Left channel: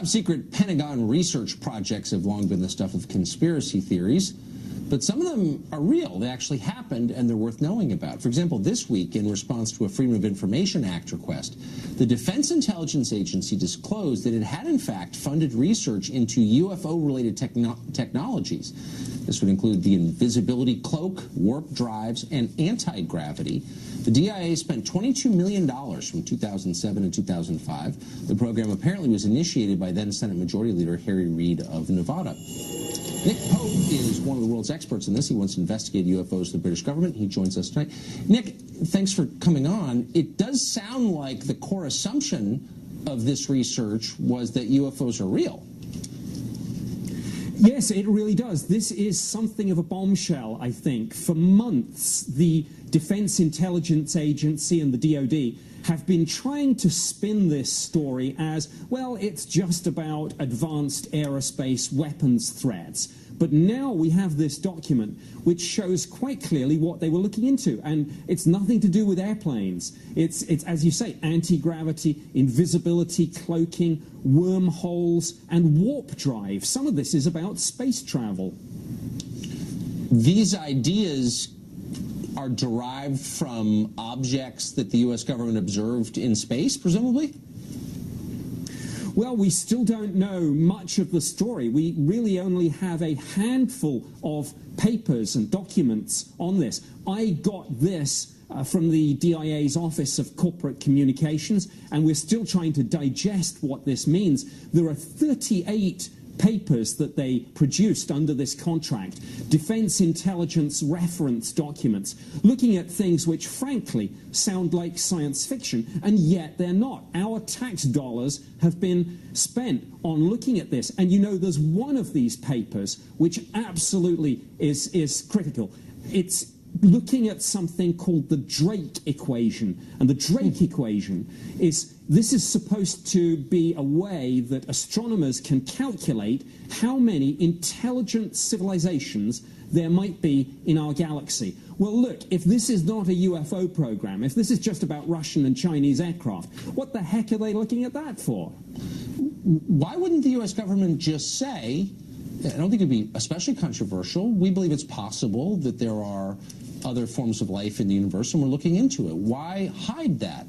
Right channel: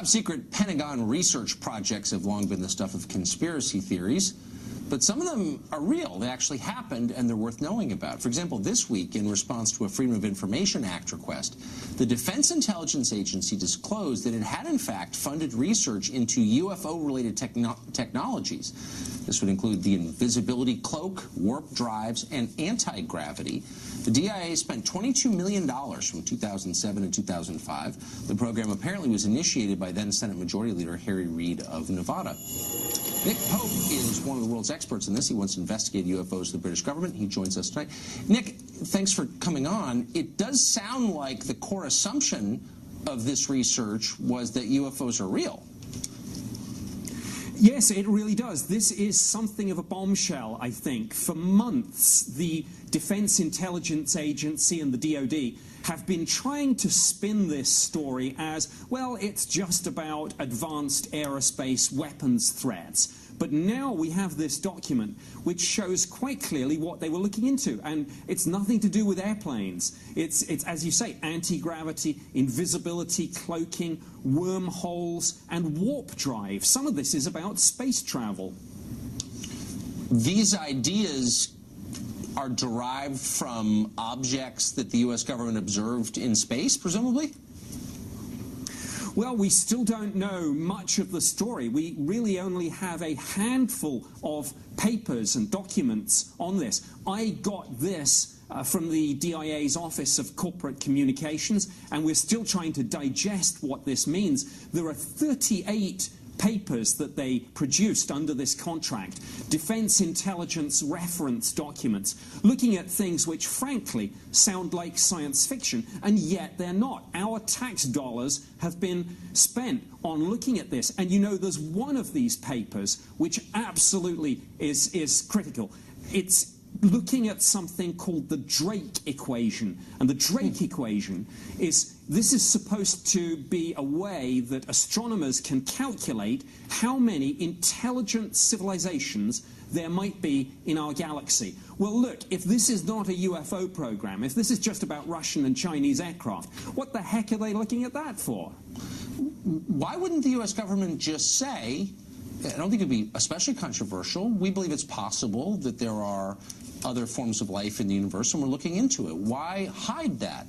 Top-secret Pentagon research projects have long been the stuff of conspiracy theories, but some of them are real. They actually happened, and they're worth knowing about. For example, this week, in response to a Freedom of Information Act request, the Defense Intelligence Agency disclosed that it had, in fact, funded research into UFO-related technologies. This would include the invisibility cloak, warp drives, and anti-gravity. The DIA spent $22 million from 2007 to 2005. The program apparently was initiated by then Senate Majority Leader Harry Reid of Nevada. Nick Pope is one of the world's experts in this. He once investigated UFOs to the British government. He joins us tonight. Nick, thanks for coming on. It does sound like the core assumption of this research was that UFOs are real. Yes, it really does. This is something of a bombshell, I think. For months, the Defense Intelligence Agency and the DoD have been trying to spin this story as, well, it's just about advanced aerospace weapons threats. But now we have this document which shows quite clearly what they were looking into. And it's nothing to do with airplanes. It's as you say, anti-gravity, invisibility, cloaking, wormholes, and warp drive. Some of this is about space travel. These ideas are derived from objects that the U.S. government observed in space, presumably? Well, we still don't know much of the story. We really only have a handful of papers and documents on this. I got this from the DIA's Office of Corporate Communications, and we're still trying to digest what this means. There are 38 papers that they produced under this contract, defense intelligence reference documents, looking at things which frankly sound like science fiction, and yet they're not. Our tax dollars have been spent on looking at this, and you know there's one of these papers which absolutely is critical. It's looking at something called the Drake equation, and the Drake equation is, this is supposed to be a way that astronomers can calculate how many intelligent civilizations there might be in our galaxy. Well, look, if this is not a UFO program, if this is just about Russian and Chinese aircraft, what the heck are they looking at that for? Why wouldn't the U.S. government just say, I don't think it would be especially controversial, we believe it's possible that there are other forms of life in the universe, and we're looking into it. Why hide that?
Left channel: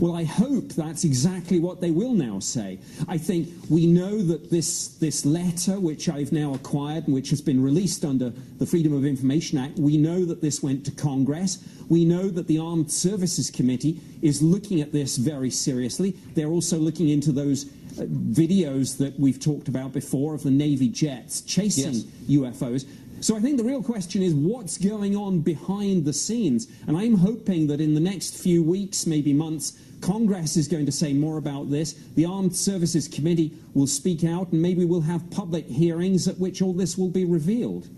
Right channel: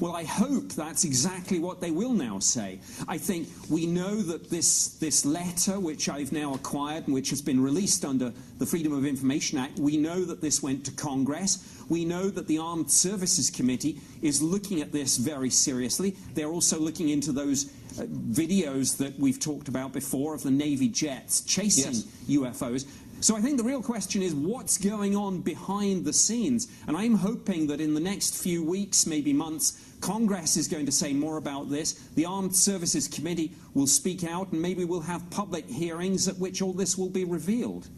Well, I hope that's exactly what they will now say. I think we know that this letter, which I've now acquired and which has been released under the Freedom of Information Act, we know that this went to Congress. We know that the Armed Services Committee is looking at this very seriously. They're also looking into those videos that we've talked about before of the Navy jets chasing UFOs. So I think the real question is what's going on behind the scenes, and I'm hoping that in the next few weeks, maybe months, Congress is going to say more about this. The Armed Services Committee will speak out, and maybe we'll have public hearings at which all this will be revealed.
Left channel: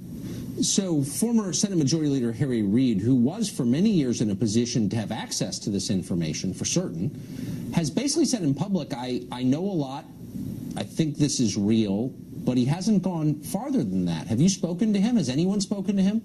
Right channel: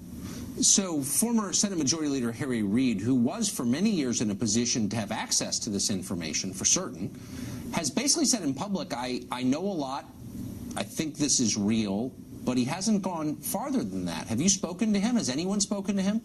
So former Senate Majority Leader Harry Reid, who was for many years in a position to have access to this information for certain, has basically said in public, I know a lot, I think this is real, but he hasn't gone farther than that. Have you spoken to him? Has anyone spoken to him?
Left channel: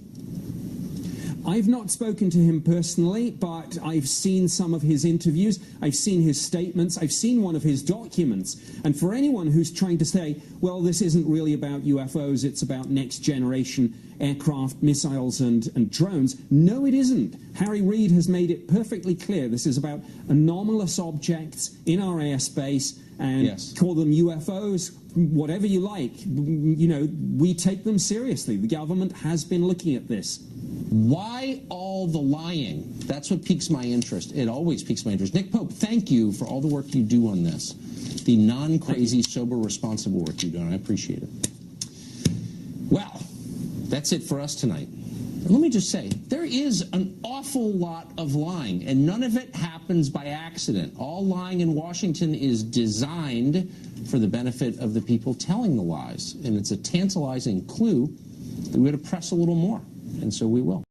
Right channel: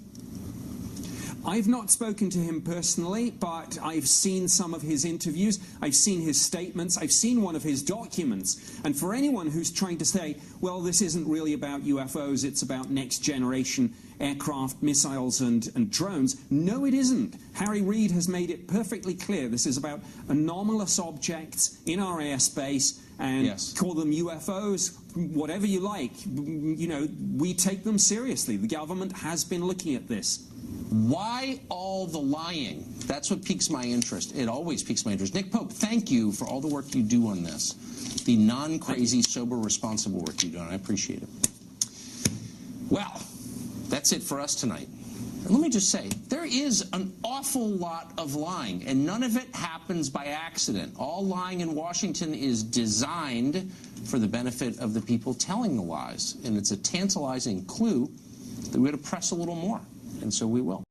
I've not spoken to him personally, but I've seen some of his interviews, I've seen his statements, I've seen one of his documents. And for anyone who's trying to say, well, this isn't really about UFOs, it's about next generation aircraft, missiles and drones, no, it isn't. Harry Reid has made it perfectly clear this is about anomalous objects in our airspace, and call them UFOs, whatever you like. You know, we take them seriously. The government has been looking at this. Why all the lying? That's what piques my interest. It always piques my interest. Nick Pope, thank you for all the work you do on this. The non-crazy, sober, responsible work you do, and I appreciate it. Well, that's it for us tonight. And let me just say, there is an awful lot of lying, and none of it happens by accident. All lying in Washington is designed for the benefit of the people telling the lies, and it's a tantalizing clue that we ought to press a little more, and so we will.